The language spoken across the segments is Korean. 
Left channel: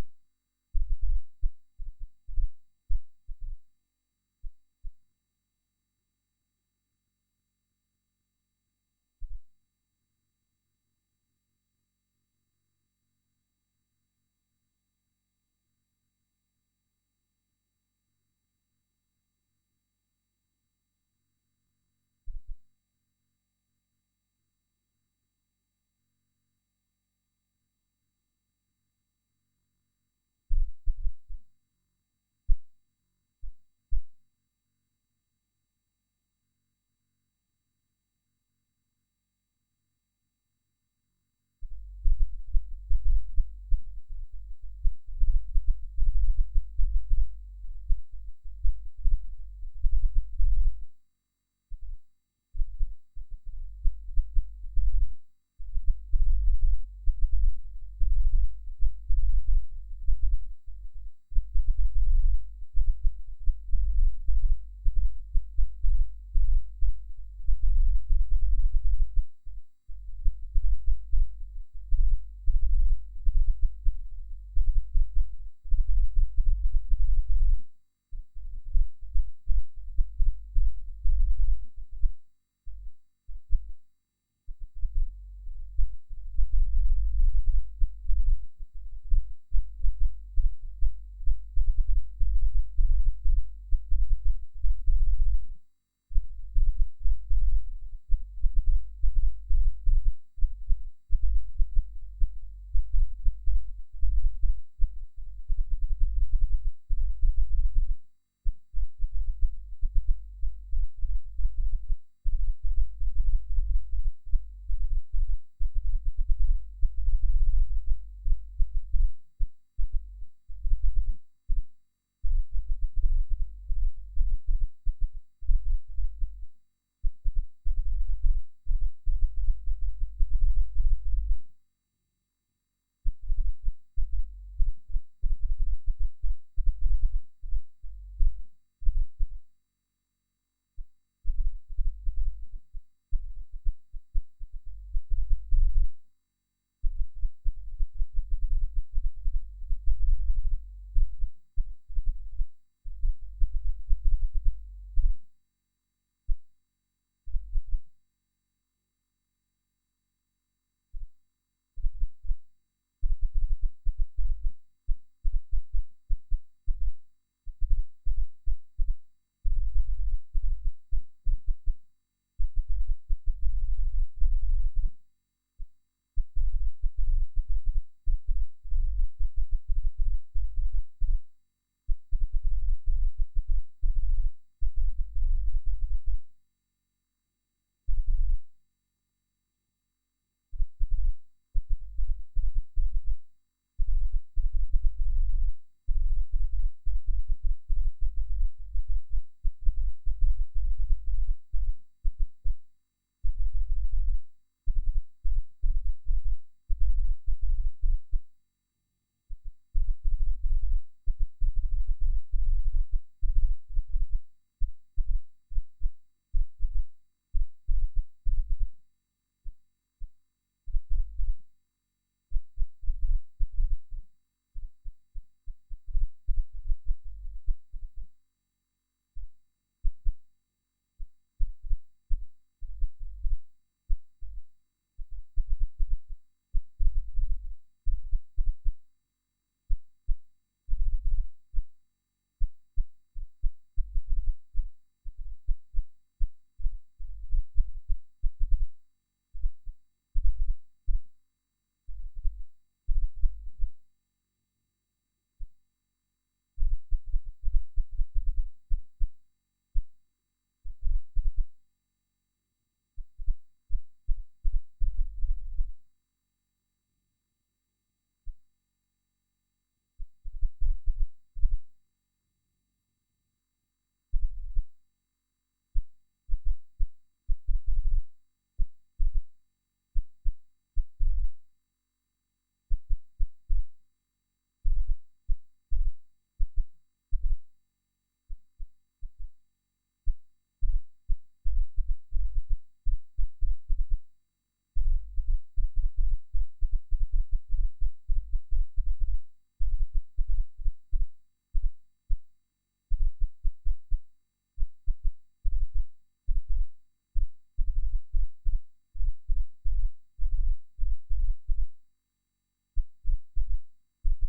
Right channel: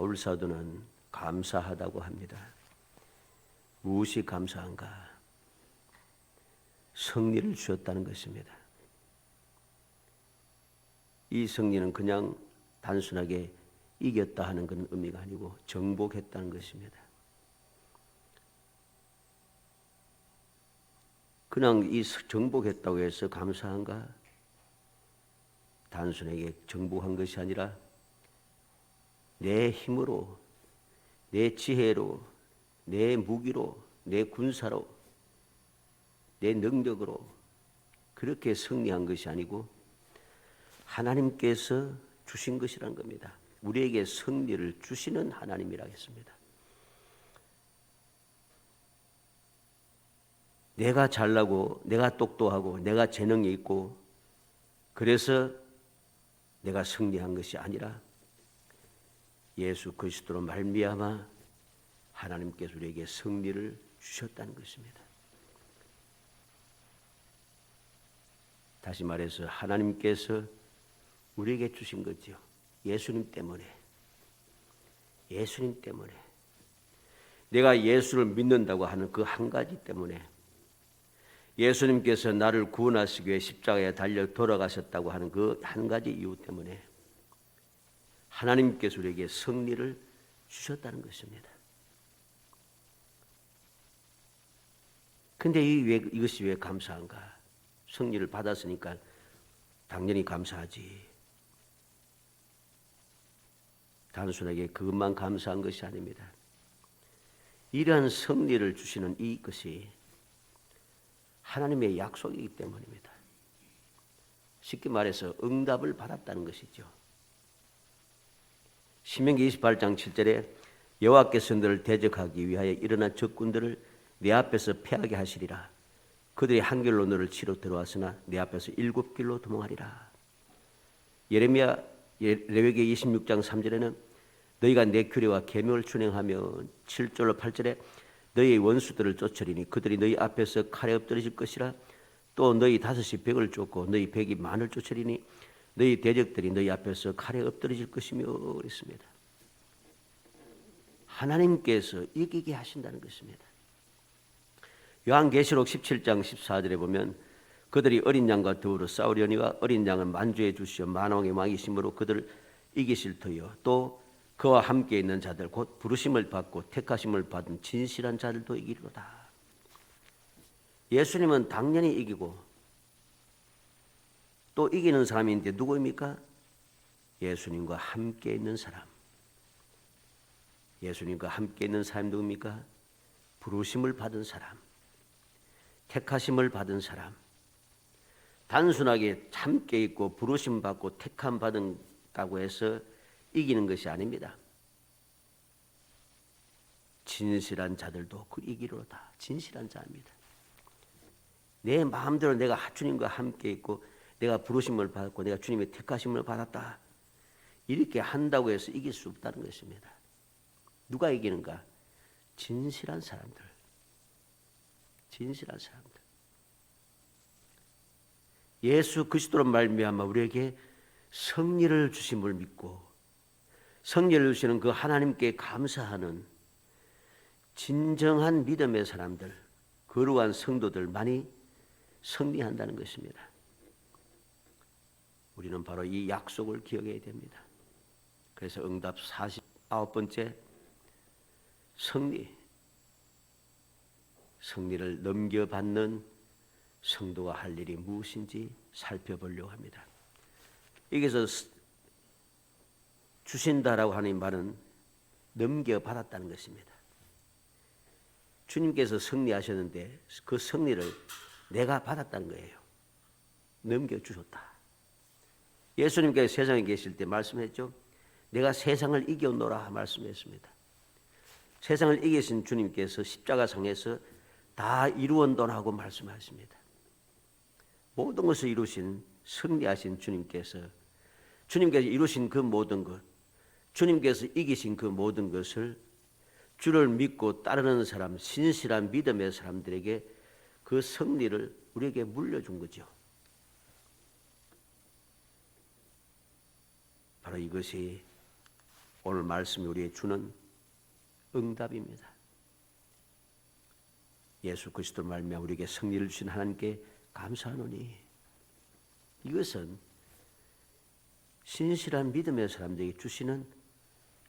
바울 사도는 감사하다고 합니다. 무엇이 감사한가? 승리를 주셨다는 것입니다. 이 승리는 그냥 단순하게 이겼다 하는 그런 의미가 아니고 정복했다는 것입니다. 그냥 이 정복했다고 해서 감사한가? 단순하게 정복한 것이 아니라 내 힘으로, 내 지혜로, 내 무기로, 내 군사로, 내 능력으로 그렇게 승리한 것이 아니고 하나님께서 주신 것이란 겁니다. 우리에게 승리를 주시는 하나님이라 했습니다. 내가 잘나고 내가 똑똑하고 내가 재능이 있고 그래서 내가 승리한 것이 아니라 예수 그리스도로 말미암아 하나님께서 우리에게 승리를 주셨다는 것입니다. 다시 말해서 하나님께서 우리에게 주신 거죠. 예수님 때문에. 예수님 때문에. 내가 예수를 믿는다고 하는 그 한 가지 때문에 예수님께서 나를 구원하시기 위해 십자가에 달려 돌아가셨다고 하는 그 한 가지 이유 때문에 하나님께서 우리에게 승리를 주셨다는 것입니다. 근데 이것이 왜 감사한가? 승리를 받았으니까 당연히 감사하지. 단순하게 그것만 감사한 것이 아닙니다. 이러한 승리를 주시는 이것이 하나님의 약속이기 때문입니다. 쉽게 말해서 응답을 받았다는 것이죠. 신명기 28장 7절에 여호와께서 너를 대적하기 위하여 일어난 적군들을 내 앞에서 패하게 하시리라. 그들이 한 길로 너를 치러 들어왔으나 내 앞에서 7길로 도망하리라. 레위기 26장 3절에는 너희가 내 규례와 계명을 준행하며 7절로 8절에 너희의 원수들을 쫓으리니 그들이 너희 앞에서 칼에 엎드러질 것이라. 또 너희 5이 100을 쫓고 너희 100이 만을 쫓으리니 너희 대적들이 너희 앞에서 칼에 엎드러질 것이며 그랬습니다. 하나님께서 이기게 하신다는 것입니다. 요한계시록 17장 14절에 보면 그들이 어린 양과 더불어 싸우려니와 어린 양은 만주해 주시어 만왕의 왕이심으로 그들을 이기실 터이요 또 그와 함께 있는 자들 곧 부르심을 받고 택하심을 받은 진실한 자들도 이기리로다. 예수님은 당연히 이기고 또 이기는 사람인데 누구입니까? 예수님과 함께 있는 사람. 예수님과 함께 있는 사람이 누굽니까? 부르심을 받은 사람, 택하심을 받은 사람. 단순하게 함께 있고 부르심 받고 택함 받은다고 해서 이기는 것이 아닙니다. 진실한 자들도 그 이기로다. 진실한 자입니다. 내 마음대로 내가 주님과 함께 있고 내가 부르심을 받았고 내가 주님의 택하심을 받았다. 이렇게 한다고 해서 이길 수 없다는 것입니다. 누가 이기는가? 진실한 사람들. 진실한 사람들. 예수 그리스도로 말미암아 우리에게 승리를 주심을 믿고 승리를 주시는 그 하나님께 감사하는 진정한 믿음의 사람들, 거룩한 성도들만이 승리한다는 것입니다. 우리는 바로 이 약속을 기억해야 됩니다. 그래서 응답 49번째 승리를 넘겨받는 성도가 할 일이 무엇인지 살펴보려고 합니다. 여기서 주신다라고 하는 말은 넘겨받았다는 것입니다. 주님께서 승리하셨는데 그 승리를 내가 받았다는 거예요. 넘겨주셨다. 예수님께서 세상에 계실 때 말씀했죠. 내가 세상을 이겨노라 말씀했습니다. 세상을 이기신 주님께서 십자가상에서 다 이루었노라고 말씀하십니다. 모든 것을 이루신 승리하신 주님께서 이루신 그 모든 것, 주님께서 이기신 그 모든 것을 주를 믿고 따르는 사람, 신실한 믿음의 사람들에게 그 승리를 우리에게 물려준 거죠. 바로 이것이 오늘 말씀이 우리에게 주는 응답입니다. 예수 그리스도 말미암아 우리에게 승리를 주신 하나님께 감사하노니 이것은 신실한 믿음의 사람들에게 주시는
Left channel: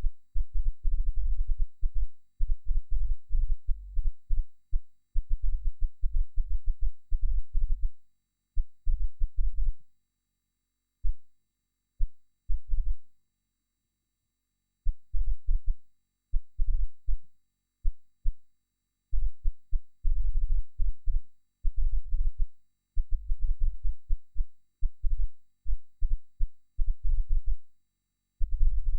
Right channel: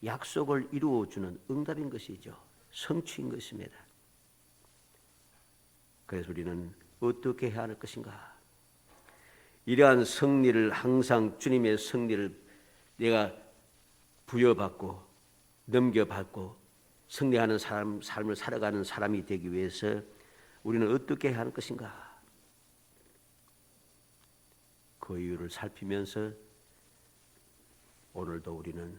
약속을 이루어주는 응답인 것이죠. 성취인 것입니다. 그래서 우리는 어떻게 해야 할 것인가? 이러한 승리를 항상 주님의 승리를 내가 부여받고 넘겨받고 승리하는 삶을 살아가는 사람이 되기 위해서 우리는 어떻게 해야 할 것인가? 그 이유를 살피면서 오늘도 우리는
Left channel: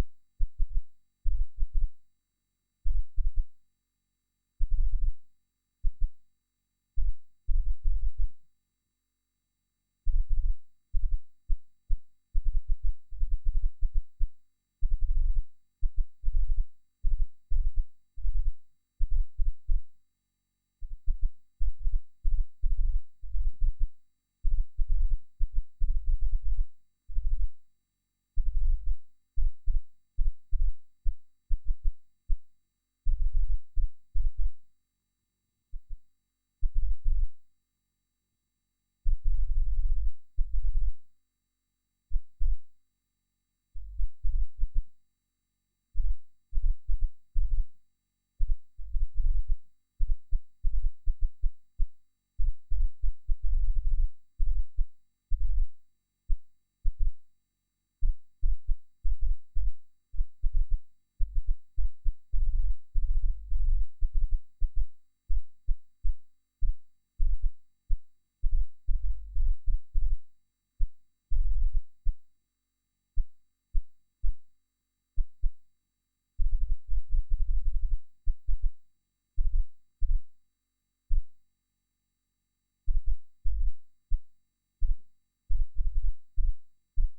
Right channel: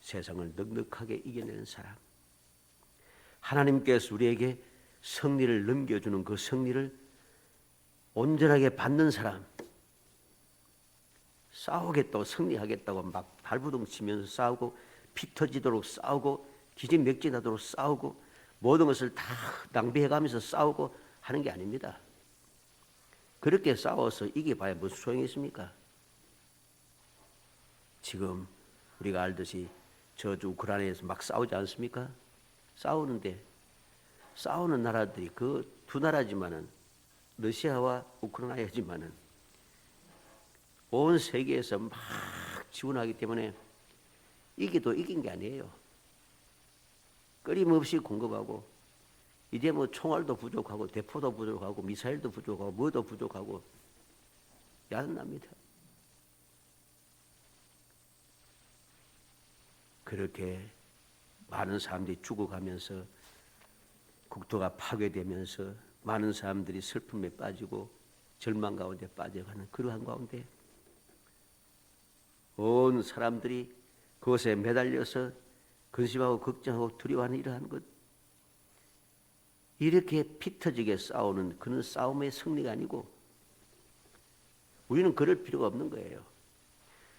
세상을 넉넉하게 이겨내는 사람, 하나님께서 우리에게 승리를 넘겨주는 그 승리를 온전하게 받는 사람, 싸우겠다고 승리하겠다고 막 발부둥 치면서 싸우고 피 터지도록 싸우고 기진맥진하도록 싸우고 모든 것을 다 낭비해가면서 싸우고 하는 게 아닙니다. 그렇게 싸워서 이겨봐야 무슨 소용이 있습니까? 지금 우리가 알듯이 저주 우크라이나에서 막 싸우지 않습니까? 싸우는데 싸우는 나라들이 그 두 나라지만은 러시아와 우크라이나지만은 온 세계에서 막 지원하기 때문에 이기도 이긴 게 아니에요. 끊임없이 공급하고 이제 뭐 총알도 부족하고 대포도 부족하고 미사일도 부족하고 뭐도 부족하고 야단납니다. 그렇게 많은 사람들이 죽어가면서 국토가 파괴되면서 많은 사람들이 슬픔에 빠지고 절망 가운데 빠져가는 그러한 가운데 온 사람들이 그것에 매달려서 근심하고 걱정하고 두려워하는 이러한 것, 이렇게 피 터지게 싸우는 그런 싸움의 승리가 아니고 우리는 그럴 필요가 없는 거예요.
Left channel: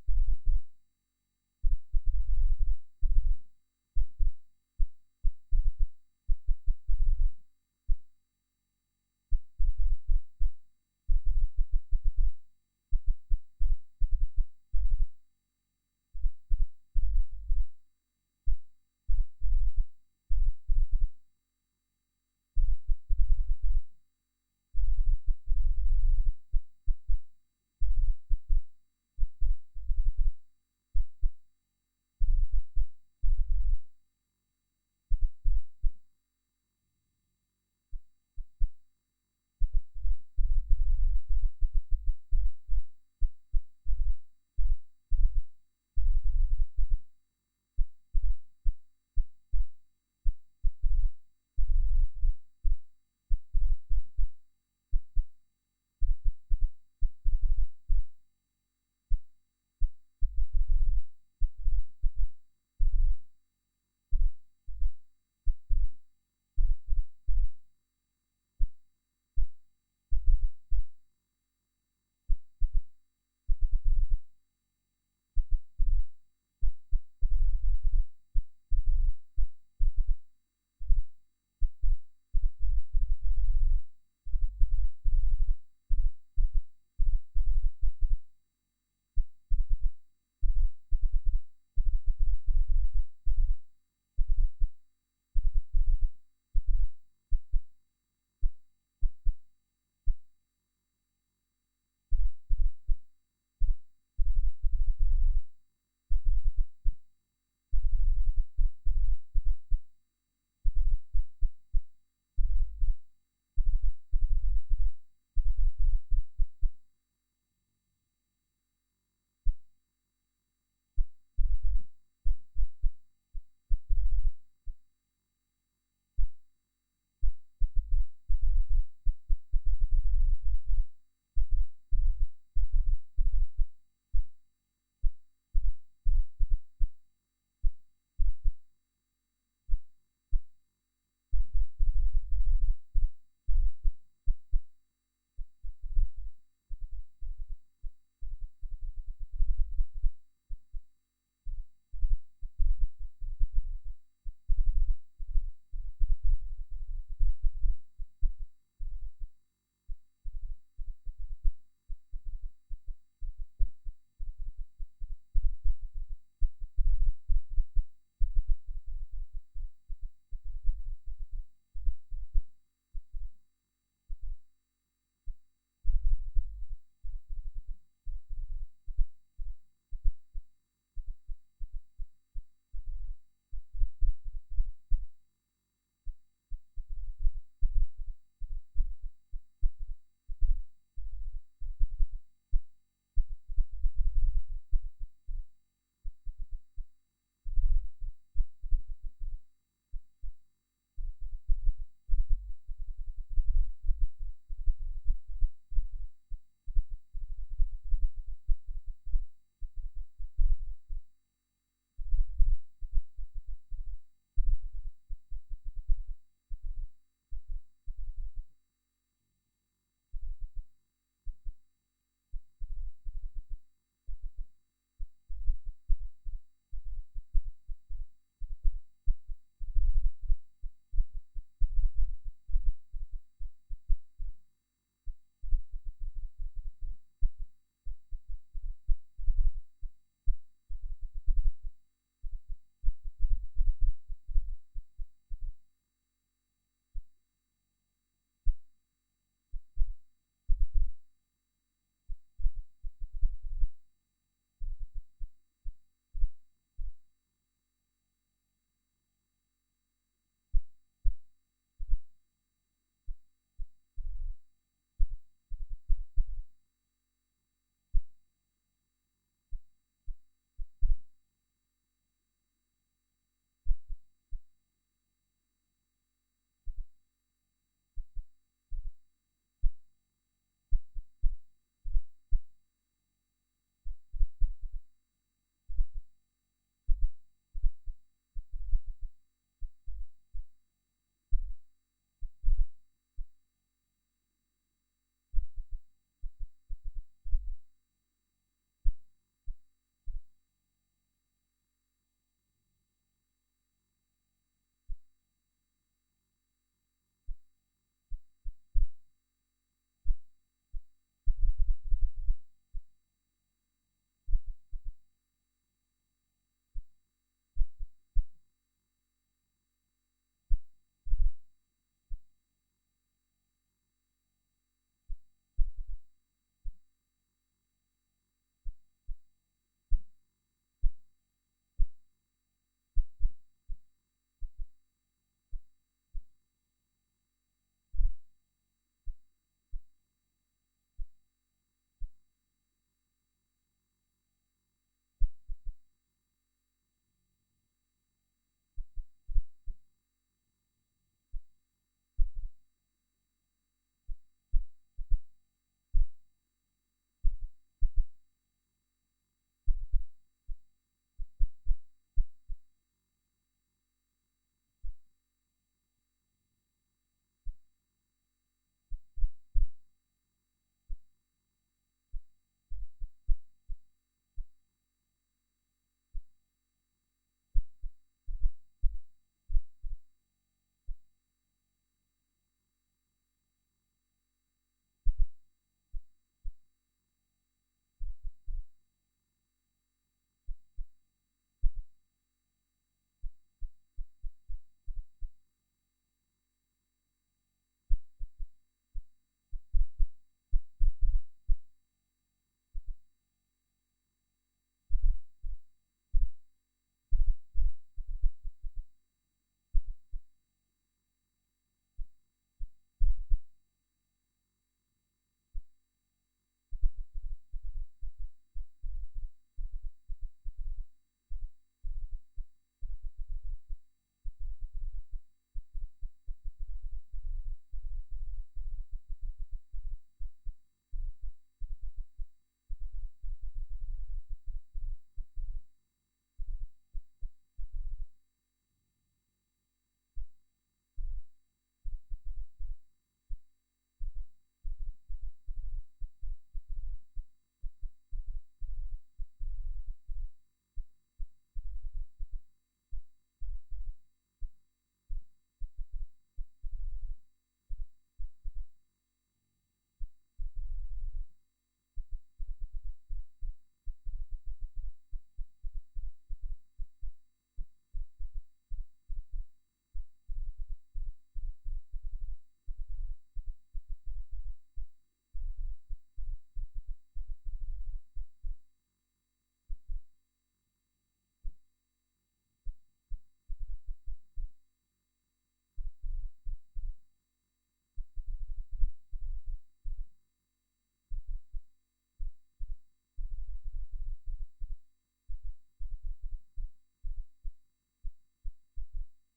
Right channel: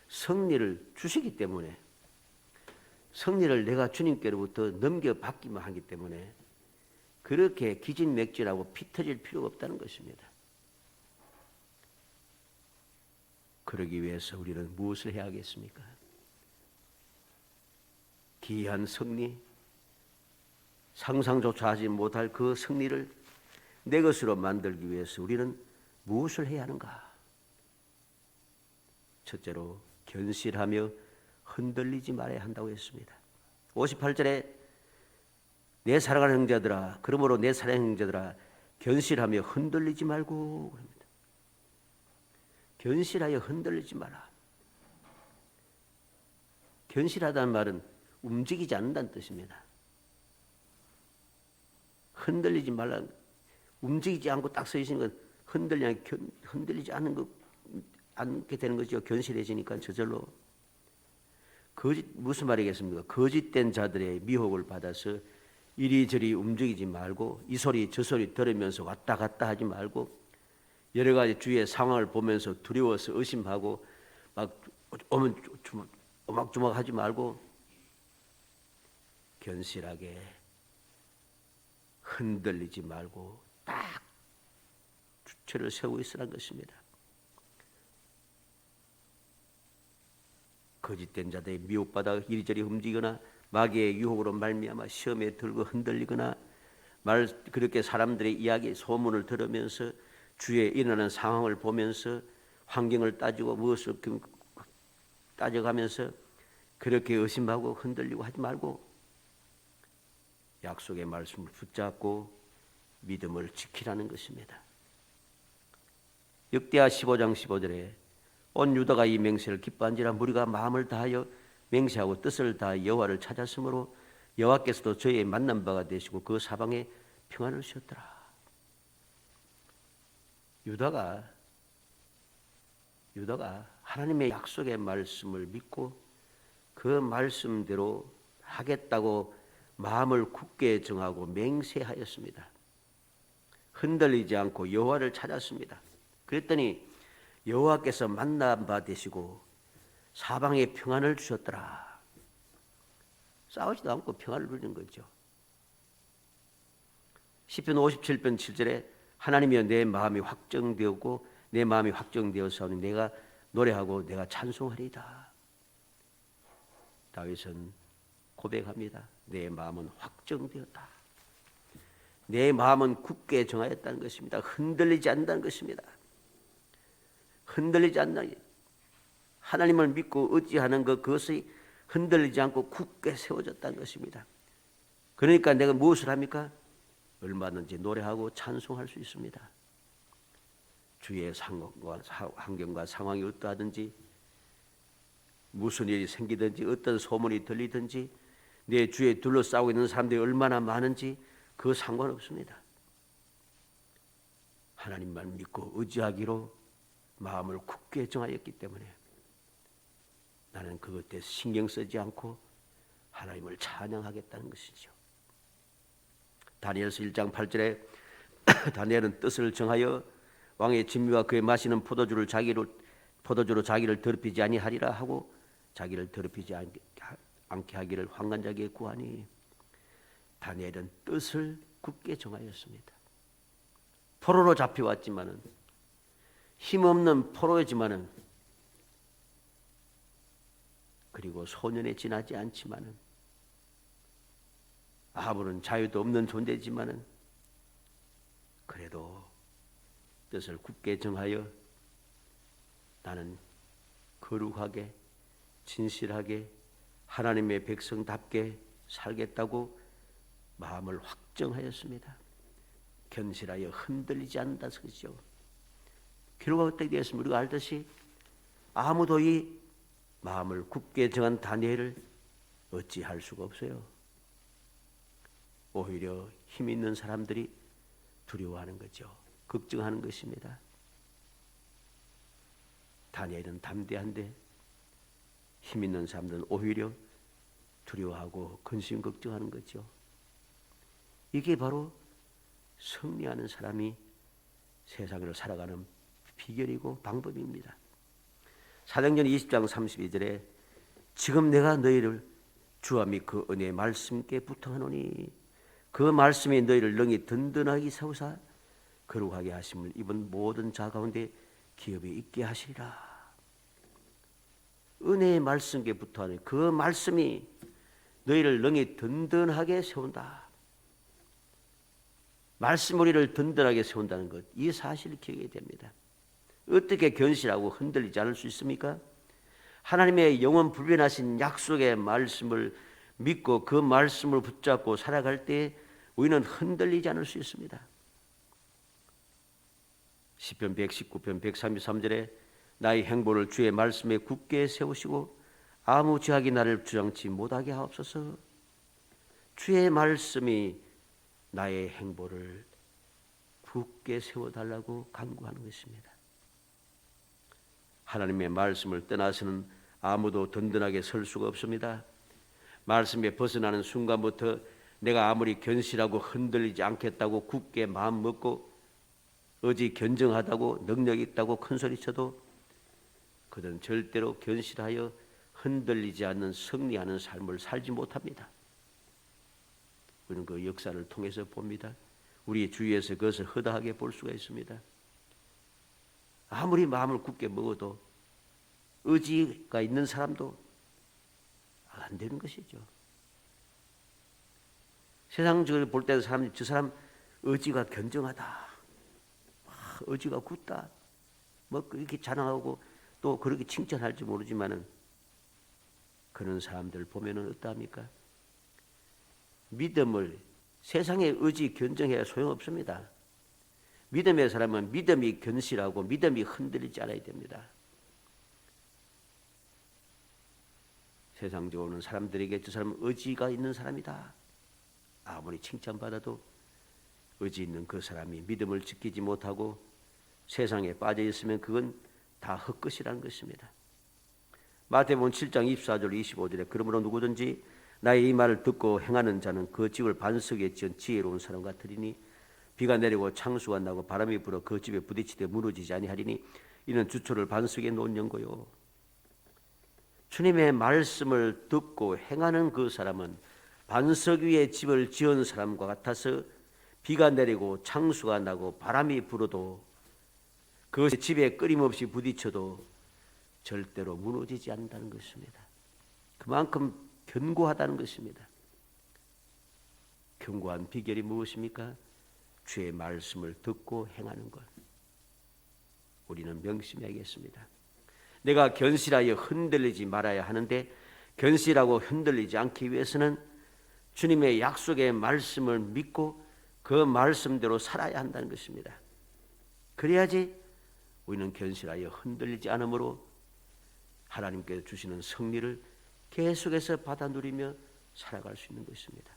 승리를 주시기 때문에, 승리를 내가 주님께로부터 넘겨받기만 하기 때문에 그렇게 기진맥진하고 피 터질 필요가 없다는 것입니다. 그러기 위해서 우리는 무엇을 해야 하겠습니까? 기이한 승리, 상상조차 하지 못할 그 승리를 내 것으로 만들기 위해서 우리는 무엇을 해야 하는가? 첫째로 견실하며 흔들리지 말아야 한다고 했습니다. 58절에 내 사랑하는 형제들아, 그러므로 내 사랑하는 형제들아 견실하며 흔들리지 말고 그럽니다. 견실하여 흔들리지 마라. 견실하다는 말은 움직이지 않는다는 뜻입니다. 흔들리지 말라, 움직이지 않고 딱 서 있는 건 흔들리지 않게 되는 거죠. 견실해지니까 저절로. 무슨 말이겠습니까? 거짓된 자들의 미혹을 받아서 이리저리 움직이지 말고 이 소리 저 소리 들으면서 왔다 갔다 하지 말고 여러 가지 주위의 상황을 보면서 두려워서 의심하고 막 오막조막 하지 말고 견실하게 흔들리지 말고 딱 주체를 세우고 있으라는 것입니다. 거짓된 자들의 미혹받아 이리저리 움직이거나 마귀의 유혹으로 말미암아 시험에 들고 흔들리거나 그렇게 사람들의 이야기 소문을 들으면서 주위에 일어나는 상황을 보면서 환경을 따지고 무엇을 따져가면서 그렇게 의심하고 흔들리고 하지 말고 약속의 말씀을 붙잡고 믿음을 지키라는 것입니다. 역대하 15장 15절에 온 유다가 이 맹세를 기뻐한지라 무리가 마음을 다하여 맹세하고 뜻을 다하여 여호와를 찾았으므로 여호와께서도 저희의 만난 바가 되시고 그 사방에 평안을 주셨더라. 유다가 하나님의 약속의 말씀을 믿고 그 말씀대로 하겠다고 마음을 굳게 정하고 맹세하였습니다. 흔들리지 않고 여호와를 찾았습니다. 그랬더니 여호와께서 만난 바 되시고 사방에 평안을 주셨더라. 싸우지도 않고 평안을 누리는 거죠. 시편 57편 7절에 하나님이여 내 마음이 확정되었고 내 마음이 확정되었사오니 내가 노래하고 내가 찬송하리이다. 다윗은 고백합니다. 내 마음은 확정되었다. 내 마음은 굳게 정하였다는 것입니다. 흔들리지 않는다는 것입니다. 흔들리지 않는다. 하나님을 믿고 의지하는 그것이 흔들리지 않고 굳게 세워졌다는 것입니다. 그러니까 내가 무엇을 합니까? 얼마든지 노래하고 찬송할 수 있습니다. 주의 환경과 상황이 어떠하든지, 무슨 일이 생기든지, 어떤 소문이 들리든지, 내 주위에 둘러싸고 있는 사람들이 얼마나 많은지 그 상관없습니다. 하나님만 믿고 의지하기로 마음을 굳게 정하였기 때문에 나는 그것에 신경 쓰지 않고 하나님을 찬양하겠다는 것이죠. 다니엘서 1장 8절에 다니엘은 뜻을 정하여 왕의 진미와 그의 마시는 포도주로 자기를 더럽히지 아니하리라 하고 자기를 더럽히지 않게 하기를 환관자에게 구하니, 다니엘은 뜻을 굳게 정하였습니다. 포로로 잡혀왔지만은, 힘없는 포로이지만은, 그리고 소년에 지나지 않지만은, 아무런 자유도 없는 존재지만은, 그래도 뜻을 굳게 정하여 나는 거룩하게 진실하게 하나님의 백성답게 살겠다고 마음을 확정하였습니다. 견실하여 흔들리지 않는다 그러죠. 결과가 어떻게 되었습니까? 우리가 알듯이 아무도 이 마음을 굳게 정한 다니엘을 어찌할 수가 없어요. 오히려 힘 있는 사람들이 두려워하는 거죠. 걱정하는 것입니다. 다니엘은 담대한데 힘 있는 사람들은 오히려 두려워하고 근심 걱정하는 거죠. 이게 바로 승리하는 사람이 세상을 살아가는 비결이고 방법입니다. 사도행전 20장 32절에 지금 내가 너희를 주와 및 그 은혜의 말씀께 부탁하노니 그 말씀이 너희를 능히 든든하게 세우사 거룩하게 하심을 입은 모든 자 가운데 기업이 있게 하시리라. 은혜의 말씀께 부탁하니 그 말씀이 너희를 능히 든든하게 세운다. 말씀 우리를 든든하게 세운다는 것, 이 사실을 기억해야 됩니다. 어떻게 견실하고 흔들리지 않을 수 있습니까? 하나님의 영원 불변하신 약속의 말씀을 믿고 그 말씀을 붙잡고 살아갈 때 우리는 흔들리지 않을 수 있습니다. 시편 119편 133절에 나의 행보를 주의 말씀에 굳게 세우시고 아무 죄악이 나를 주장치 못하게 하옵소서. 주의 말씀이 나의 행보를 굳게 세워달라고 간구하는 것입니다. 하나님의 말씀을 떠나서는 아무도 든든하게 설 수가 없습니다. 말씀에 벗어나는 순간부터 내가 아무리 견실하고 흔들리지 않겠다고 굳게 마음 먹고 어지 견정하다고 능력 있다고 큰소리쳐도 그들은 절대로 견실하여 흔들리지 않는 승리하는 삶을 살지 못합니다. 우리는 그 역사를 통해서 봅니다. 우리 주위에서 그것을 허다하게 볼 수가 있습니다. 아무리 마음을 굳게 먹어도 의지가 있는 사람도 안 되는 것이죠. 세상적으로 볼 때는 사람들이 저 사람 의지가 견정하다, 의지가 굳다, 뭐 그렇게 자랑하고 또 그렇게 칭찬할지 모르지만은 그런 사람들 보면은 어떠합니까? 믿음을 세상의 의지 견정해야 소용없습니다. 믿음의 사람은 믿음이 견실하고 믿음이 흔들리지 않아야 됩니다. 세상적으로는 사람들에게 저 사람은 의지가 있는 사람이다, 아무리 칭찬받아도 의지 있는 그 사람이 믿음을 지키지 못하고 세상에 빠져 있으면 그건 다 헛것이라는 것입니다. 마태복음 7장 24절 25절에 그러므로 누구든지 나의 이 말을 듣고 행하는 자는 그 집을 반석에 지은 지혜로운 사람 같으리니 비가 내리고 창수가 나고 바람이 불어 그 집에 부딪히되 무너지지 아니하리니 이는 주초를 반석에 놓은 연고요. 주님의 말씀을 듣고 행하는 그 사람은 반석 위에 집을 지은 사람과 같아서 비가 내리고 창수가 나고 바람이 불어도 그것이 집에 끊임없이 부딪혀도 절대로 무너지지 않는다는 것입니다. 그만큼 견고하다는 것입니다. 견고한 비결이 무엇입니까? 주의 말씀을 듣고 행하는 것. 우리는 명심해야겠습니다. 내가 견실하여 흔들리지 말아야 하는데 견실하고 흔들리지 않기 위해서는 주님의 약속의 말씀을 믿고 그 말씀대로 살아야 한다는 것입니다. 그래야지 우리는 견실하여 흔들리지 않으므로 하나님께서 주시는 승리를 계속해서 받아 누리며 살아갈 수 있는 것입니다.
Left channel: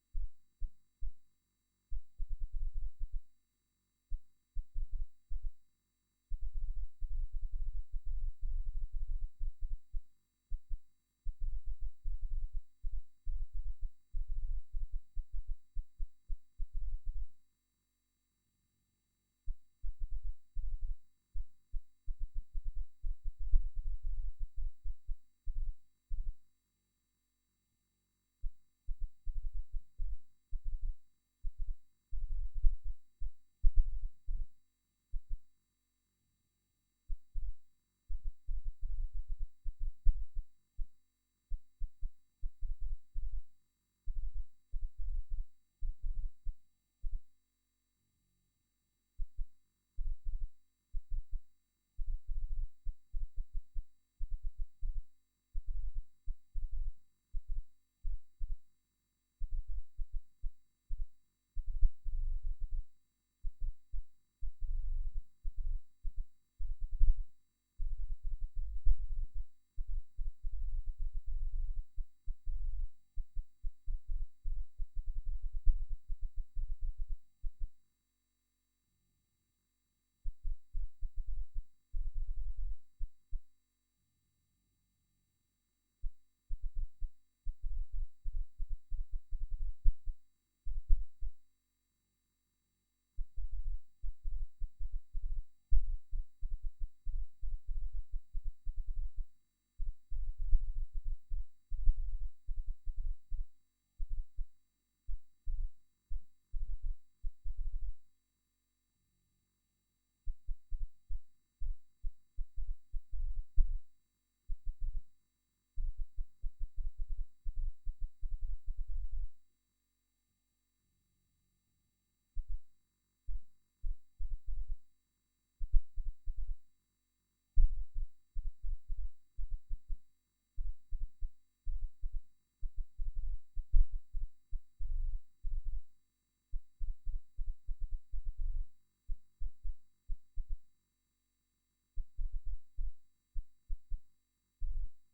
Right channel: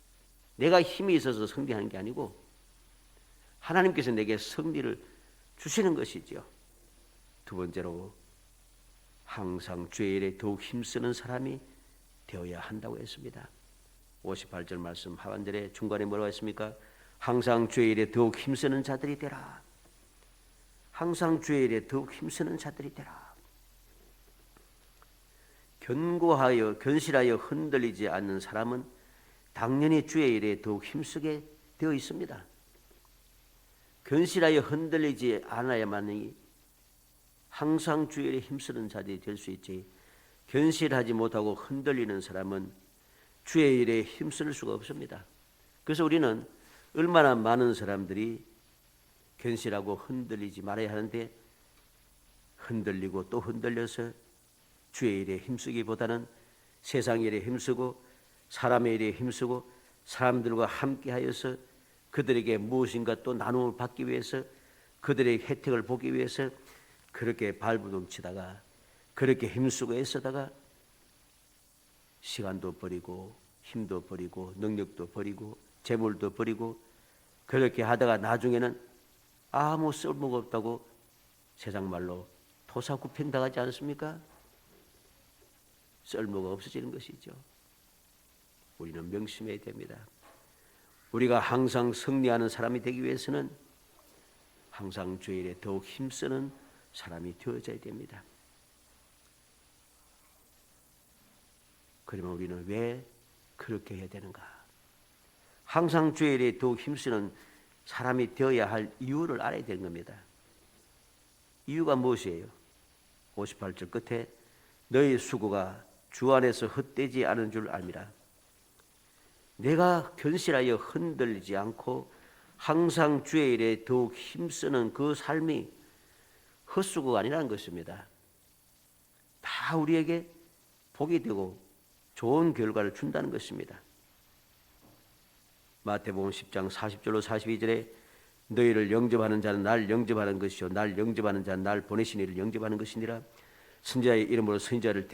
내가 힘이 있어서 승리하는 게 아니고 하나님께서 내게 승리를 주시는 것이죠. 두 번째로 항상 주의 일에 더욱 힘쓰는 사람이 되어야 한다고 했습니다. 58절 말씀 하반절에 중간에 뭐라고 했습니까? 항상 주의 일에 더욱 힘쓰는 자들이 되라. 항상 주의 일에 더욱 힘쓰는 자들이 되라. 견고하여 견실하여 흔들리지 않는 사람은 당연히 주의 일에 더욱 힘쓰게 되어 있습니다. 견실하여 흔들리지 않아야만이 항상 주의 일에 힘쓰는 자들이 될 수 있지, 견실하지 못하고 흔들리는 사람은 주의 일에 힘쓸 수가 없습니다. 그래서 우리는 얼마나 많은 사람들이 견실하고 흔들리지 말아야 하는데 흔들리고 또 흔들려서 주의 일에 힘쓰기보다는 세상 일에 힘쓰고 사람의 일에 힘쓰고 사람들과 함께하여서 그들에게 무엇인가 또 나눔을 받기 위해서 그들의 혜택을 보기 위해서 그렇게 발부둥치다가 그렇게 힘쓰고 애쓰다가 시간도 버리고 힘도 버리고 능력도 버리고 재물도 버리고 그렇게 하다가 나중에는 아무 쓸모가 없다고 세상 말로 토사구팽당하지 않습니까? 쓸모가 없어지는 것이죠. 우리는 명심해야 됩니다. 우리가 항상 승리하는 사람이 되기 위해서는 항상 주의 일에 더욱 힘쓰는 사람이 되어져야 됩니다. 그러면 우리는 왜 그렇게 해야 되는가? 항상 주의 일에 더욱 힘쓰는 사람이 되어야 할 이유를 알아야 되는 겁니다. 이유가 무엇이에요? 58절 끝에 너희 수고가 주 안에서 헛되지 않은 줄 압니다. 내가 견실하여 흔들리지 않고 항상 주의 일에 더욱 힘쓰는 그 삶이 헛수고가 아니라는 것입니다. 다 우리에게 복이 되고 좋은 결과를 준다는 것입니다. 마태복음 10장 40절로 42절에 너희를 영접하는 자는 날 영접하는 것이요 날 영접하는 자는 날 보내신 이를 영접하는 것이니라. 선지자의 이름으로 선지자를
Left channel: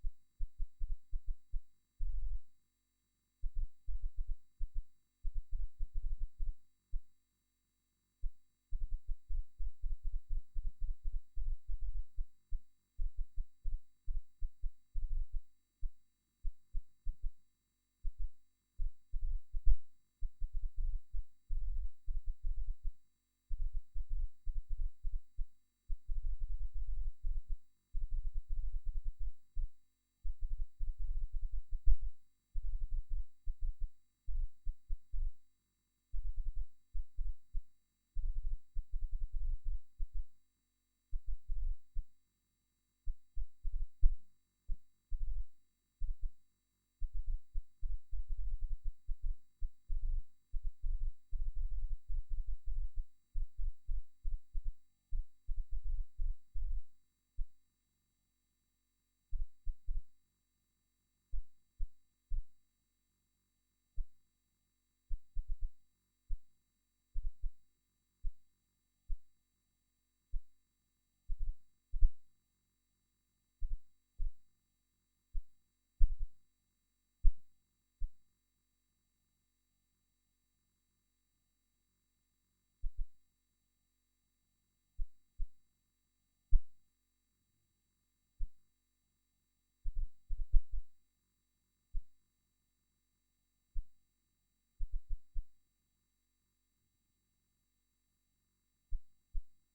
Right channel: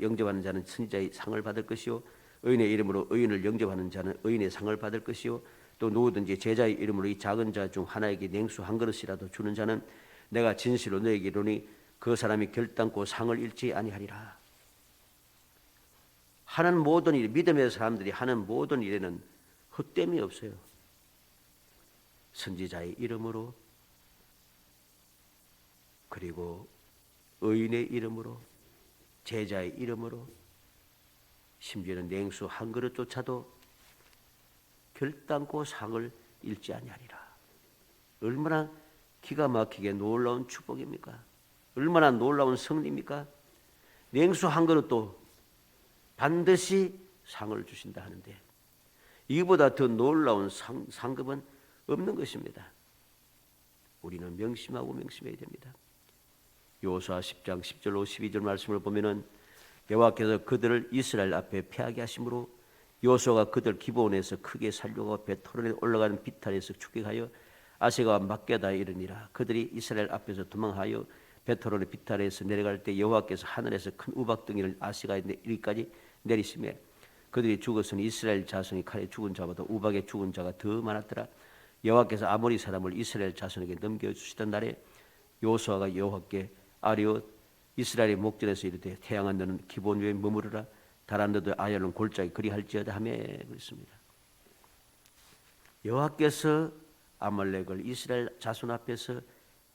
영접하는 자는 선지자의 상을 받을 것이요 의인의 이름으로 의인을 영접하는 자는 의인의 상을 받을 것이요 또 누구든지 제자의 이름으로 이 작은 자 중 하나에게 냉수 한 그릇이라도 주는 자는 내가 진실로 너에게 이르노니 그 사람이 결단코 상을 잃지 아니하리라. 하는 모든 일, 믿음의 사람들이 하는 모든 일에는 헛됨이 없어요. 선지자의 이름으로 그리고 의인의 이름으로 제자의 이름으로 심지어는 냉수 한 그릇조차도 결단코 상을 잃지 아니하리라. 얼마나 기가 막히게 놀라운 축복입니까? 얼마나 놀라운 승리입니까? 냉수 한 그릇도 반드시 상을 주신다 하는데 이보다 더 놀라운 상급은 없는 것입니다. 우리는 명심하고 명심해야 됩니다. 여호수아 10장 10절로 12절 말씀을 보면은 여호와께서 그들을 이스라엘 앞에 패하게 하심으로 여호수아가 그들 기브온에서 크게 살려고 베토론에 올라가는 비탈에서 추격하여 아세가와 막게다에 이르니라. 그들이 이스라엘 앞에서 도망하여 베토론의 비탈에서 내려갈 때 여호와께서 하늘에서 큰 우박덩이를 아세가에 이르기까지 내리시매 그들이 죽었으니 이스라엘 자손이 칼에 죽은 자보다 우박에 죽은 자가 더 많았더라. 여호와께서 아모리 사람을 이스라엘 자손에게 넘겨주시던 날에 여호수아가 여호와께 아뢰어 이스라엘의 목전에서 이르되 태양아 너는 기브온 위에 머무르라 달아 너도 아열은 골짜기 그리할지어다 하며 그랬습니다. 여호와께서 아말렉을 이스라엘 자손 앞에서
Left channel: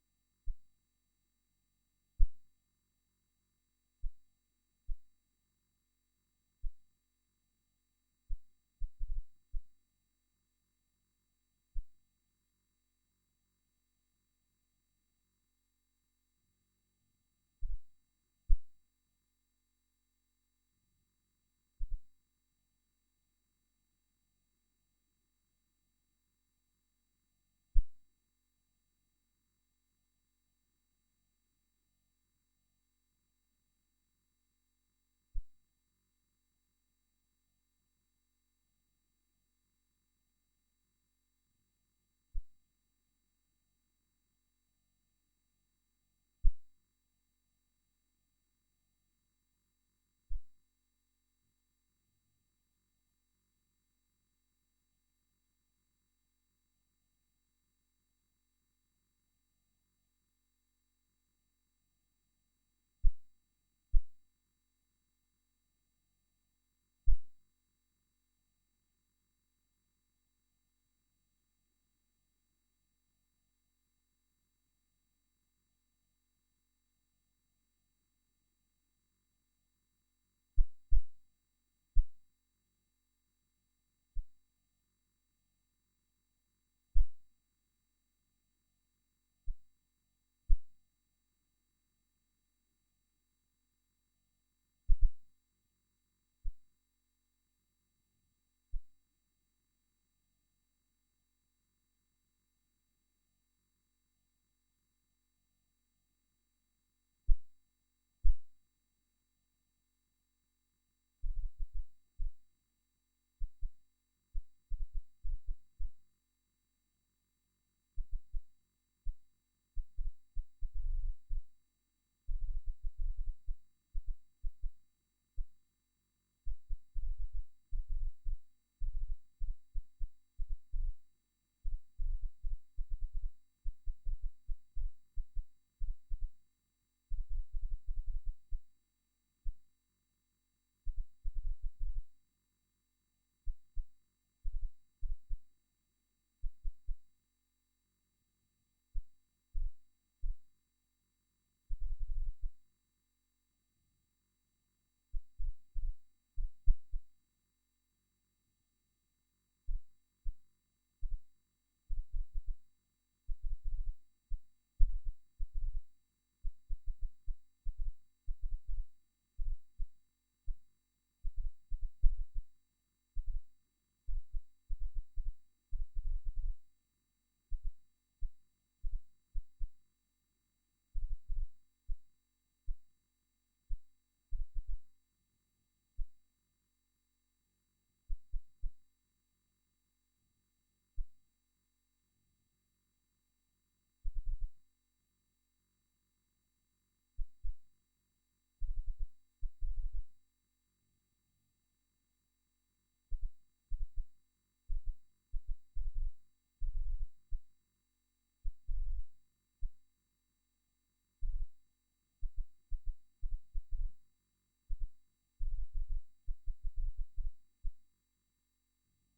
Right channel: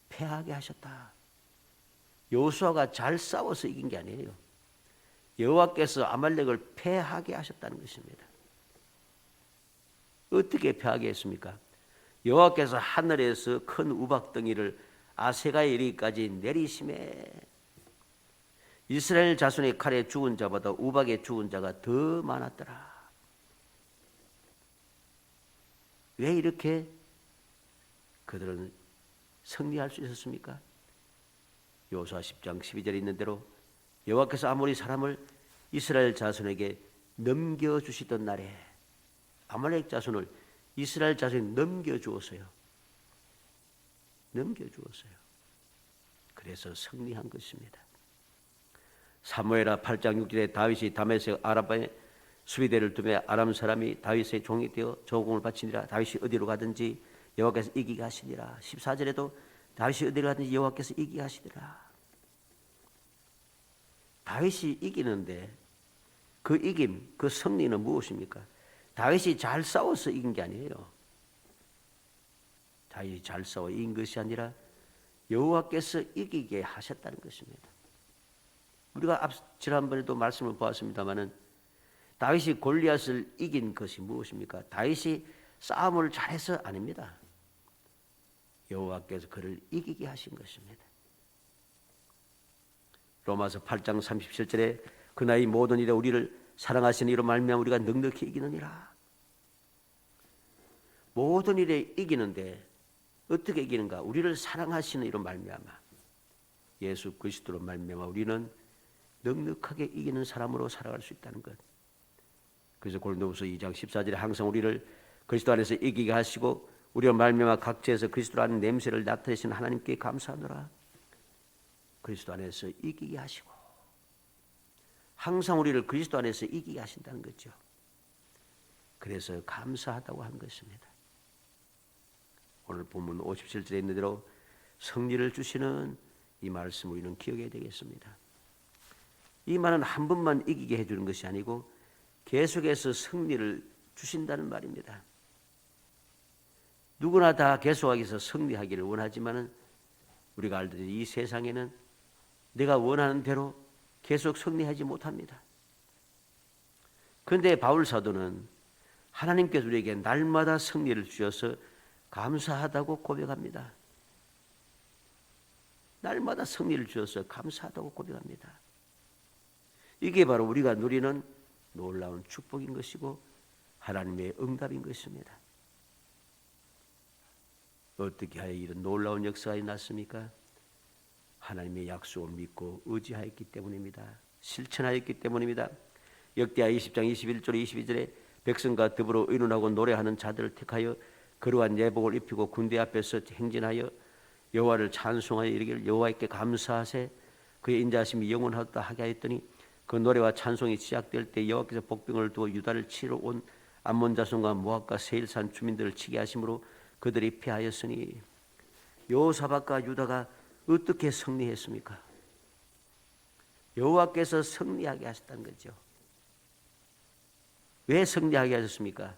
패하게 하셨다. 여호수아가 잘 싸워서 이긴 게 아니에요. 여호와께서 아말렉을 패하게 하셨다는 것입니다. 어떻게 패하게 했습니까? 여호와께서 하늘에서 큰 우박덩이를 아세가에 이르기까지 내리심에 이스라엘 자손의 칼에 죽은 자보다 우박에 죽은 자가 더 많았더라. 왜 이렇게 그들은 승리할 수 있었습니까? 여호수아 10장 12절에 있는 대로 여호와께서 아모리 사람을 이스라엘 자손에게 넘겨주시던 날에 아말렉 자손을 이스라엘 자손이 넘겨주었어요. 그래서 승리한 것입니다. 사무엘하 8장 6절에 다윗이 다메섹 아라바에 수비대를 두며 아람 사람이 다윗의 종이 되어 조공을 바치니라. 다윗이 어디로 가든지 여호와께서 이기게 하시니라. 14절에도 다윗이 어디로 가든지 여호와께서 이기게 하시니라. 다윗이 이기는데 그 이김, 그 승리는 무엇입니까? 다윗이 잘 싸워서 이긴 게 아니에요. 다윗이 잘 싸워 이긴 것이 아니라 여호와께서 이기게 하셨다는 것입니다. 우리가 지난번에도 말씀을 보았습니다마는 다윗이 골리앗을 이긴 것이 무엇입니까? 다윗이 싸움을 잘해서 아닙니다. 여호와께서 그를 이기게 하신 것입니다. 로마서 8장 37절에 그나 이 모든 일에 우리를 사랑하시는 이로 말미암아 우리가 넉넉히 이기느니라. 모든 일에 이기는데 어떻게 이기는가? 우리를 사랑하시는 이로 말미암아 예수 그리스도로 말미암아 우리는 넉넉하게 이기는 사람으로 살아갈 수 있다는 것. 그래서 고린도후서 2장 14절에 항상 우리를 그리스도 안에서 이기게 하시고 우리로 말미암아 각지에서 그리스도 안에 냄새를 나타내신 하나님께 감사하노라. 그리스도 안에서 이기게 하시고 항상 우리를 그리스도 안에서 이기게 하신다는 거죠. 그래서 감사하다고 한 것입니다. 오늘 본문 57절에 있는 대로 승리를 주시는 이 말씀 우리는 기억해야 되겠습니다. 이 말은 한 번만 이기게 해주는 것이 아니고 계속해서 승리를 주신다는 말입니다. 누구나 다 계속하기 위해서 승리하기를 원하지만 우리가 알듯이 이 세상에는 내가 원하는 대로 계속 승리하지 못합니다. 그런데 바울 사도는 하나님께서 우리에게 날마다 승리를 주셔서 감사하다고 고백합니다. 날마다 승리를 주셔서 감사하다고 고백합니다. 이게 바로 우리가 누리는 놀라운 축복인 것이고 하나님의 응답인 것입니다. 어떻게 하여 이런 놀라운 역사가 났습니까? 하나님의 약속을 믿고 의지하였기 때문입니다. 실천하였기 때문입니다. 역대하 20장 21절 22절에 백성과 더불어 의논하고 노래하는 자들을 택하여 거룩한 예복을 입히고 군대 앞에서 행진하여 여호와를 찬송하여 이르기를 여호와께 감사하세 그의 인자하심이 영원하다 하게 하였더니 그 노래와 찬송이 시작될 때 여호와께서 복병을 두어 유다를 치러 온 암몬 자손과 모압과 세일산 주민들을 치게 하심으로 그들이 패하였으니 여호사밧과 유다가 어떻게 승리했습니까? 여호와께서 승리하게 하셨다는 거죠. 왜 승리하게 하셨습니까?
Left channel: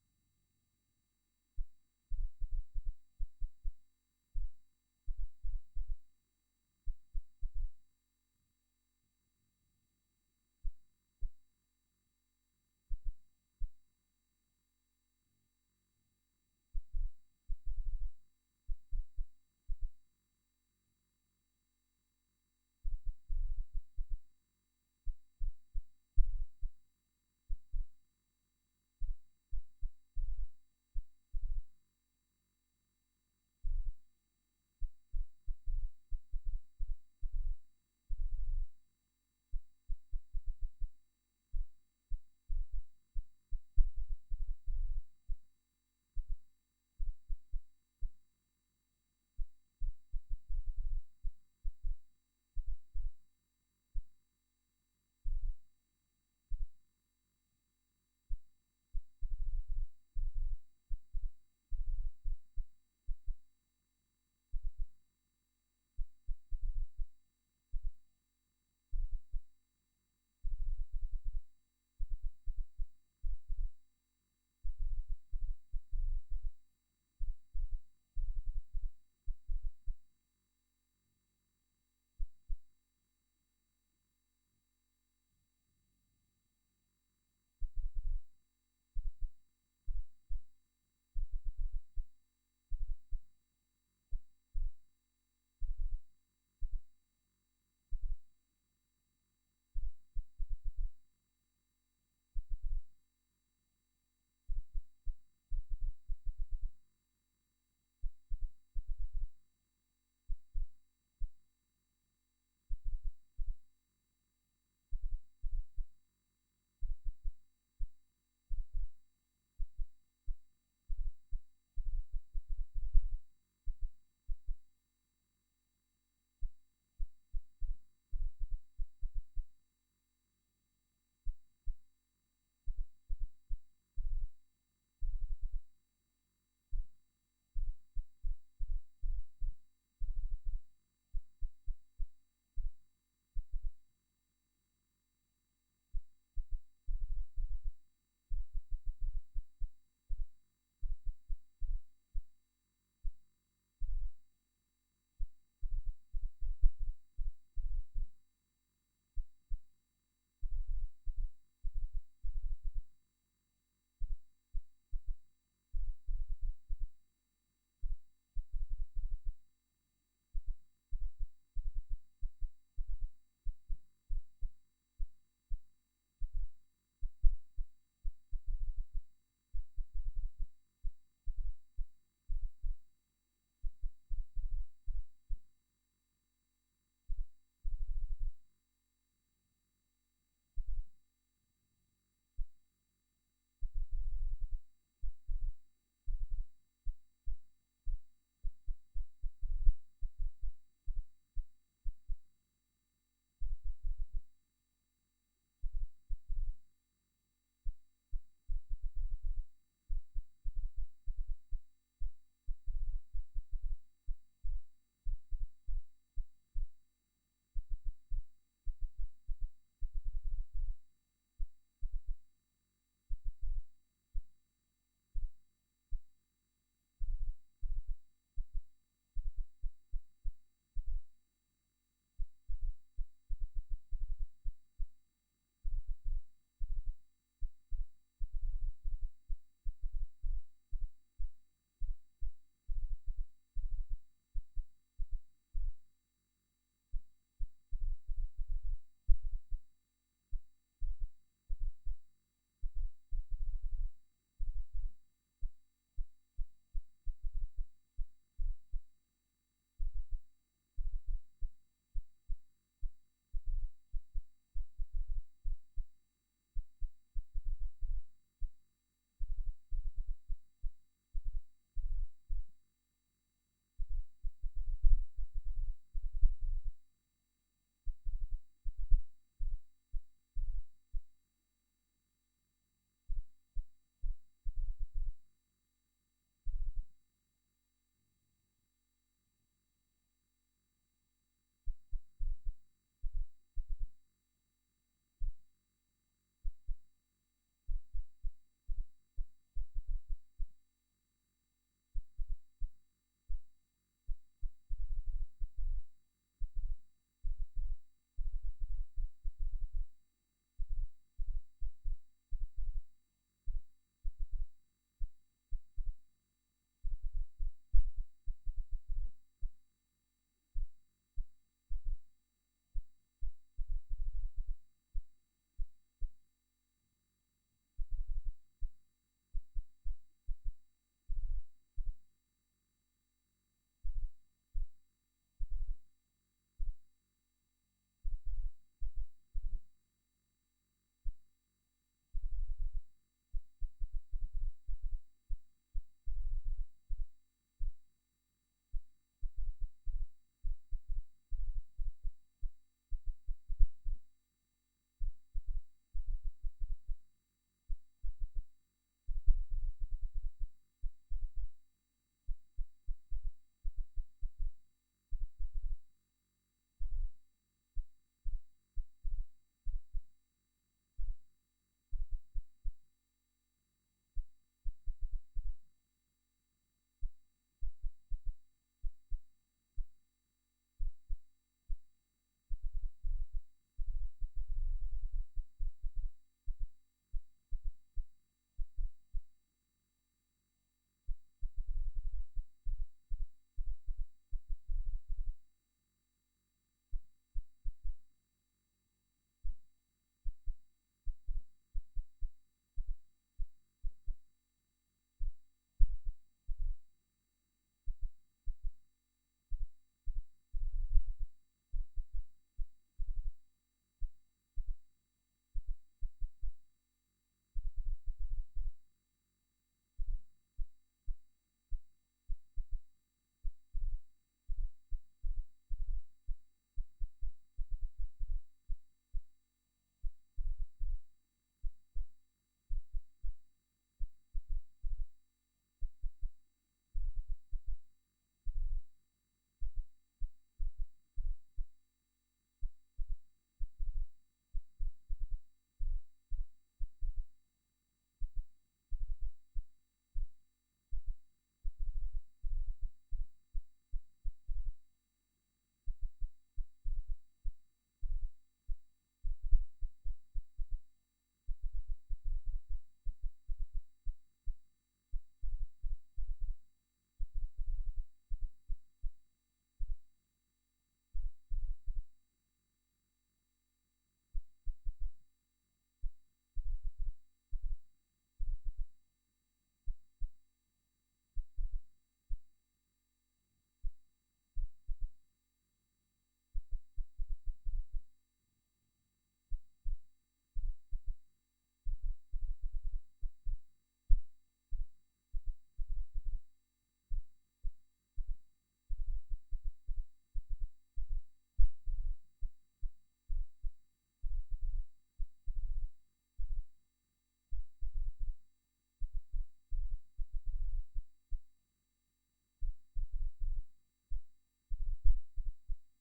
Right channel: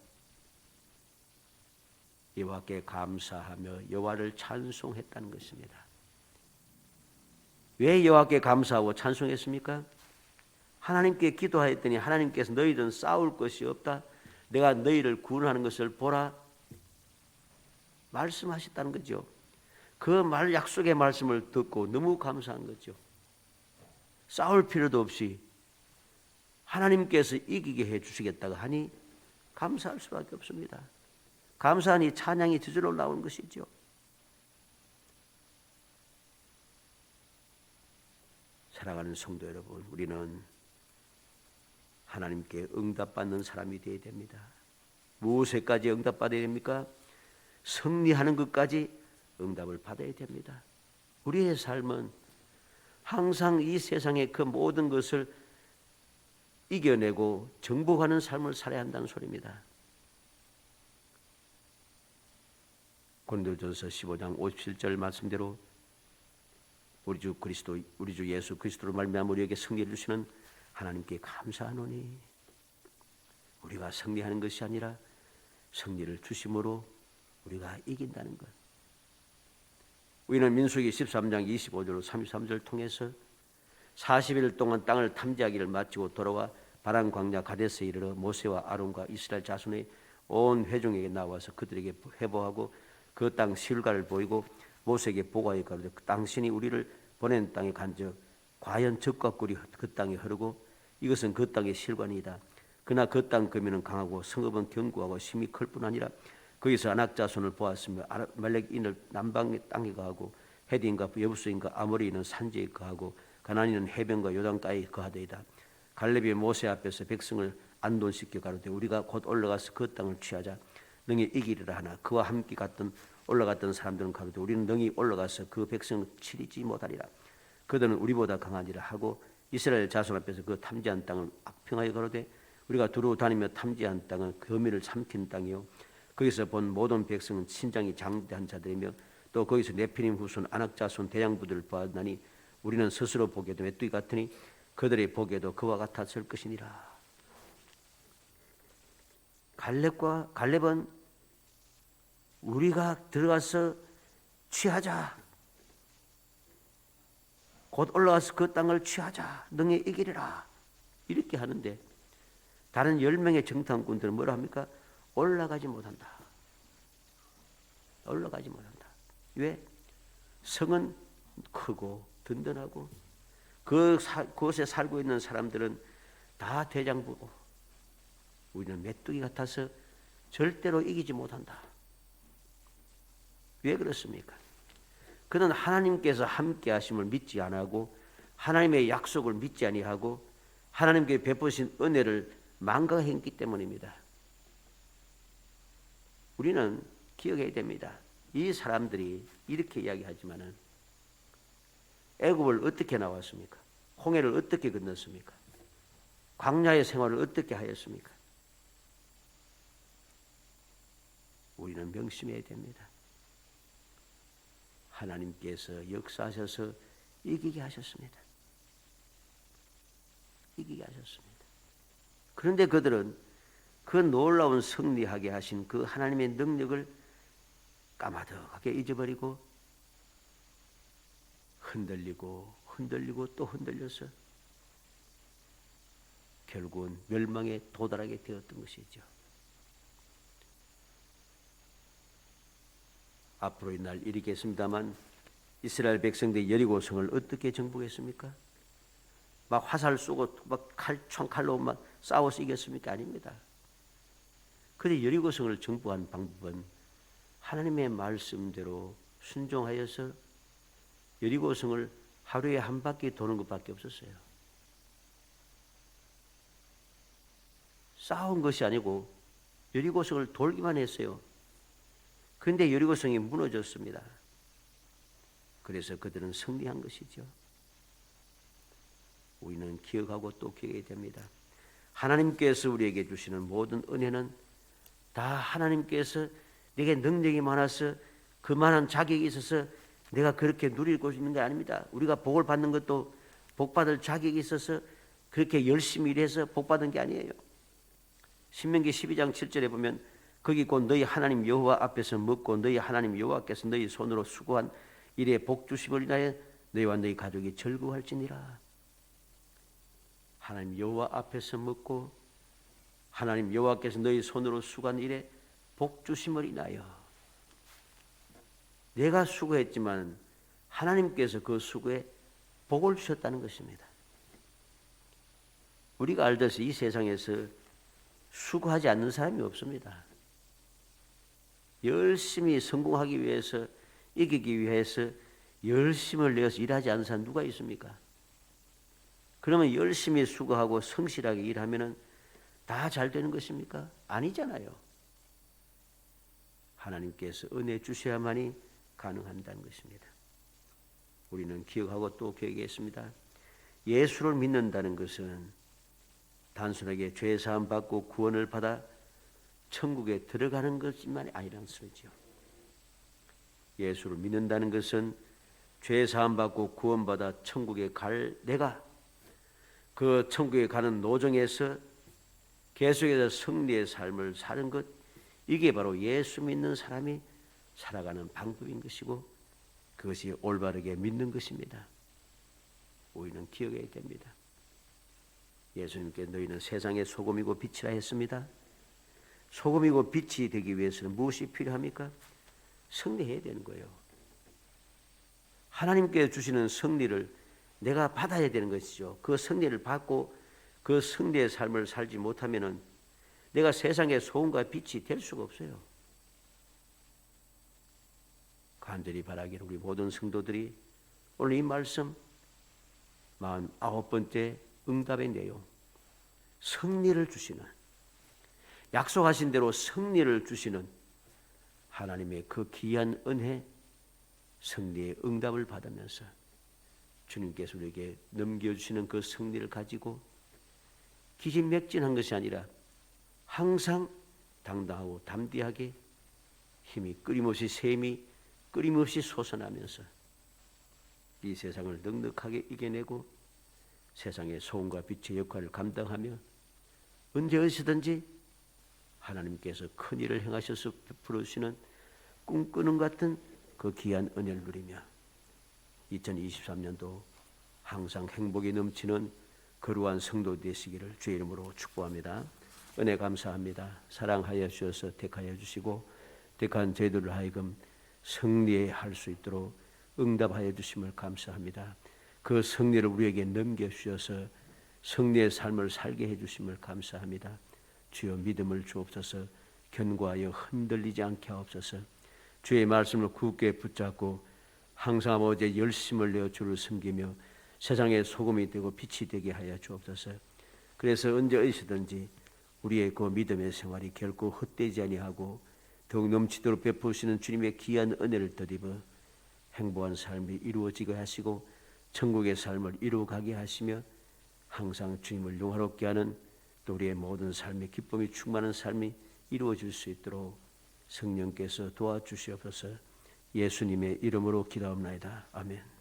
여호와께 감사하며 여호와를 찬송했다는 것입니다. 왜 여호와께 감사하고 찬송했습니까? 하나님께 기도하였더니 하나님께서 너희들은 싸울 것이 없다. 내가 너희를 구원하는 것을 보라. 말씀하셨다는 거죠. 그 약속의 말씀을 듣고 너무 감사한 거죠. 싸울 필요도 없이 하나님께서 이기게 해주시겠다고 하니 감사할 수밖에 없습니다. 감사하니 찬양이 저절로 나오는 것이죠. 사랑하는 성도 여러분, 우리는 하나님께 응답받는 사람이 되어야 됩니다. 무엇에까지 응답받아야 됩니까? 승리하는 것까지 응답을 받아야 됩니다. 우리의 삶은 항상 이 세상의 그 모든 것을 이겨내고 정복하는 삶을 살아야 한다는 소리입니다. 고린도전서 15장 57절 말씀대로 우리 주 예수 그리스도로 말미암아 우리에게 승리를 주시는 하나님께 감사하노니 우리가 승리하는 것이 아니라 승리를 주심으로 우리가 이긴다는 것. 우리는 민수기 13장 25절 33절 통해서 40일 동안 땅을 탐지하기를 마치고 돌아와 바란 광야 가데스에 이르러 모세와 아론과 이스라엘 자손의 온 회중에게 나와서 그들에게 회복하고 그 땅 시울가를 보이고 모세에게 보고하여 가로되 당신이 우리를 보낸 땅에 간즉 과연 적과 꿀이 그 땅에 흐르고 이것은 그 땅의 실관이다. 그러나 그 땅 거민은 강하고 성읍은 견고하고 힘이 클 뿐 아니라 거기서 안악자손을 보았으며 아말렉인을 남방의 땅에 거하고 헤디인과 여부스인과 아모리인은 산지에 거하고 가나안인은 해변과 요단가에 거하더이다. 갈렙이 모세 앞에서 백성을 안돈시켜 가로되 우리가 곧 올라가서 그 땅을 취하자 능히 이기리라 하나 그와 함께 올라갔던 사람들은 가로되 우리는 능히 올라가서 그 백성을 치리지 못하리라. 그들은 우리보다 강하니라 하고 이스라엘 자손 앞에서 그 탐지한 땅을 악평하여 가로되 우리가 두루 다니며 탐지한 땅은 거민을 삼킨 땅이요 거기서 본 모든 백성은 신장이 장대한 자들이며 또 거기서 네피림 후손 안악자손 대장부들을 보았나니 우리는 스스로 보기에도 메뚜기 같으니 그들이 보기에도 그와 같았을 것이니라. 갈렙은 우리가 들어가서 취하자. 곧 올라가서 그 땅을 취하자. 능히 이기리라. 이렇게 하는데 다른 10명의 정탐꾼들은 뭐라 합니까? 올라가지 못한다. 올라가지 못한다. 왜? 성은 크고 든든하고 그곳에 살고 있는 사람들은 다 대장부고 우리는 메뚜기 같아서 절대로 이기지 못한다. 왜 그렇습니까? 그는 하나님께서 함께 하심을 믿지 아니하고 하나님의 약속을 믿지 아니하고 하나님께 베푸신 은혜를 망각했기 때문입니다. 우리는 기억해야 됩니다. 이 사람들이 이렇게 이야기하지만은 애굽을 어떻게 나왔습니까? 홍해를 어떻게 건넜습니까? 광야의 생활을 어떻게 하였습니까? 우리는 명심해야 됩니다. 하나님께서 역사하셔서 이기게 하셨습니다. 이기게 하셨습니다. 그런데 그들은 그 놀라운 승리하게 하신 그 하나님의 능력을 까마득하게 잊어버리고 흔들리고 또 흔들려서 결국은 멸망에 도달하게 되었던 것이죠. 앞으로 이 날 이르겠습니다만 이스라엘 백성들이 여리고성을 어떻게 정복했습니까? 막 화살 쏘고 막 총칼로 막 싸워서 이겼습니까? 아닙니다. 그런데 여리고성을 정복한 방법은 하나님의 말씀대로 순종하여서 여리고성을 하루에 한 바퀴 도는 것밖에 없었어요. 싸운 것이 아니고 여리고성을 돌기만 했어요. 그런데 여리고성이 무너졌습니다. 그래서 그들은 승리한 것이죠. 우리는 기억하고 또 기억해야 됩니다. 하나님께서 우리에게 주시는 모든 은혜는 다 하나님께서 내게 능력이 많아서 그만한 자격이 있어서 내가 그렇게 누리고 있는 게 아닙니다. 우리가 복을 받는 것도 복받을 자격이 있어서 그렇게 열심히 일해서 복받은 게 아니에요. 신명기 12장 7절에 보면 거기 곧 너희 하나님 여호와 앞에서 먹고 너희 하나님 여호와께서 너희 손으로 수고한 일에 복 주심을 인하여 너희와 너희 가족이 즐거워할지니라. 하나님 여호와 앞에서 먹고 하나님 여호와께서 너희 손으로 수고한 일에 복 주심을 인하여 내가 수고했지만 하나님께서 그 수고에 복을 주셨다는 것입니다. 우리가 알듯이 이 세상에서 수고하지 않는 사람이 없습니다. 열심히 성공하기 위해서 이기기 위해서 열심을 내어서 일하지 않는 사람 누가 있습니까? 그러면 열심히 수고하고 성실하게 일하면 다 잘 되는 것입니까? 아니잖아요. 하나님께서 은혜 주셔야만이 가능한다는 것입니다. 우리는 기억하고 또 기억하겠습니다. 예수를 믿는다는 것은 단순하게 죄 사함 받고 구원을 받아 천국에 들어가는 것만이 아니라는 소리죠. 예수를 믿는다는 것은 죄 사함 받고 구원받아 천국에 갈 내가 그 천국에 가는 노정에서 계속해서 승리의 삶을 사는 것, 이게 바로 예수 믿는 사람이 살아가는 방법인 것이고 그것이 올바르게 믿는 것입니다. 우리는 기억해야 됩니다. 예수님께 너희는 세상의 소금이고 빛이라 했습니다. 소금이고 빛이 되기 위해서는 무엇이 필요합니까? 승리해야 되는 거예요. 하나님께 주시는 승리를 내가 받아야 되는 것이죠. 그 승리를 받고 그 승리의 삶을 살지 못하면은 내가 세상의 소금과 빛이 될 수가 없어요. 간절히 바라기를 우리 모든 성도들이 오늘 이 말씀 49번째 응답의 내용, 승리를 주시는, 약속하신 대로 승리를 주시는 하나님의 그 귀한 은혜, 승리의 응답을 받으면서 주님께서 우리에게 넘겨주시는 그 승리를 가지고 기진맥진한 것이 아니라 항상 당당하고 담대하게 힘이 끊임없이 샘이 끊임없이 솟아나면서 이 세상을 넉넉하게 이겨내고 세상의 소금과 빛의 역할을 감당하며 언제 어디서든지 하나님께서 큰 일을 행하셔서 베풀어주시는 꿈꾸는 같은 그 귀한 은혜를 누리며 2023년도 항상 행복이 넘치는 거룩한 성도 되시기를 주의 이름으로 축복합니다. 은혜 감사합니다. 사랑하여 주셔서 택하여 주시고 택한 저희들을 하여금 승리할 수 있도록 응답하여 주심을 감사합니다. 그 승리를 우리에게 넘겨주셔서 승리의 삶을 살게 해주심을 감사합니다. 주여 믿음을 주옵소서. 견고하여 흔들리지 않게 하옵소서. 주의 말씀을 굳게 붙잡고 항상 아버지의 열심을 내어 주를 섬기며 세상의 소금이 되고 빛이 되게 하여 주옵소서. 그래서 언제 어디서든지 우리의 그 믿음의 생활이 결코 헛되지 아니하고 더욱 넘치도록 베푸시는 주님의 귀한 은혜를 덧입어 행복한 삶이 이루어지게 하시고 천국의 삶을 이루어가게 하시며 항상 주님을 영화롭게 하는 또 우리의 모든 삶의 기쁨이 충만한 삶이 이루어질 수 있도록 성령께서 도와주시옵소서. 예수님의 이름으로 기도합나이다. 아멘.